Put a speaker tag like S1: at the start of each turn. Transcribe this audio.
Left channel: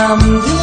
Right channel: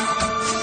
S1: I'm